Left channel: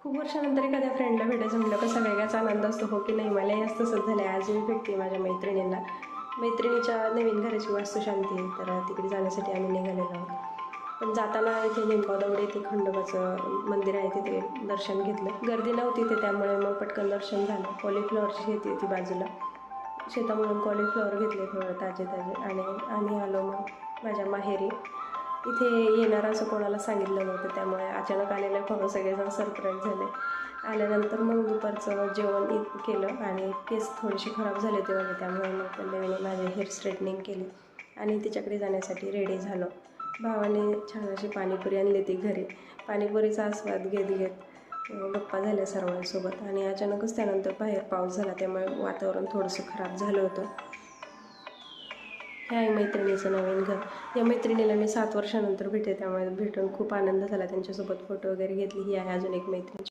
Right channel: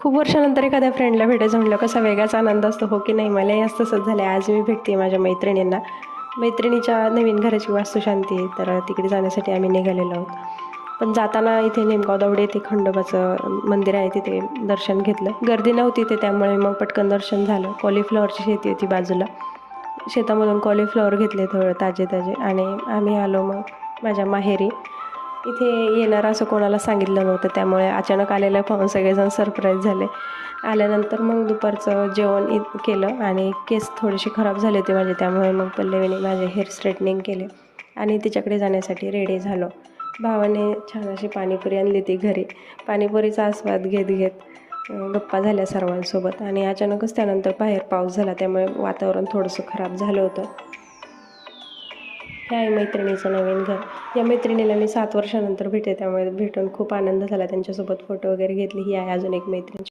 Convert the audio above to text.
खूप वर्षानंतर एखाद्या फ्रेंडला भेटायचं म्हटलं कसा वेगळाच आनंद असतो, हो की नाही? मलाही असं तसंच झालं आहे. आज मी भेटते माझ्या मैत्रिणींना. मैत्रिणीच्या नवीन घराची वास्तुशांती आहे, तर तिकडे जाण्यासाठी आम्ही निघालेलो आहोत. पण जाताना इथे निमगाव येथे खंडोबाचं मंदिर आहे, तिथे दर्शन घेतलं. गर्दी नव्हती तिथे, त्यामुळे मग पटकन दर्शन झालं. कॉलीफ्लॉवरची शेती होती बाजूला. शेतामधून कॉलीफ्लॉवर घेतले थोडं ताजे ताजे आणि आम्ही आलो मग माझ्या माहेरी. इथे येणार असं कोणाला सांगितलं नव्हतं, त्यामुळे अचानक आलेलं पाहून सगळेजण सरप्राईज झाले. आल्यानंतर मग दुपारचं जेवण केलं आणि केस थोडेसे खराब झाले होते माझे, त्यामुळे मग पल्लवीने माझे हेअर स्ट्रेटनिंग केले आणि तिच्याकडे जाण्यासाठी रेडी झालो. भावाने छान अशी पाणीपुरी आणली होती घरी. पाणीपुरीचा आस्वाद घेत घेत गप्पा झाल्या सर्वांसोबत आणि अचानकच त्यानंतर बाहेर पाऊस झाला, त्यामुळे वातावरण थोडंसं खराब झालं होतं. हे आहे मैत्रिणीचं नवीन घर. या मैत्रिणीला मी 7 वर्षानंतर भेटते, त्यामुळे भेटून खूप आनंद झाला. त्यांच्यासोबत फोटो वगैरे घेतले. ही आहे अजून एक मैत्रीण.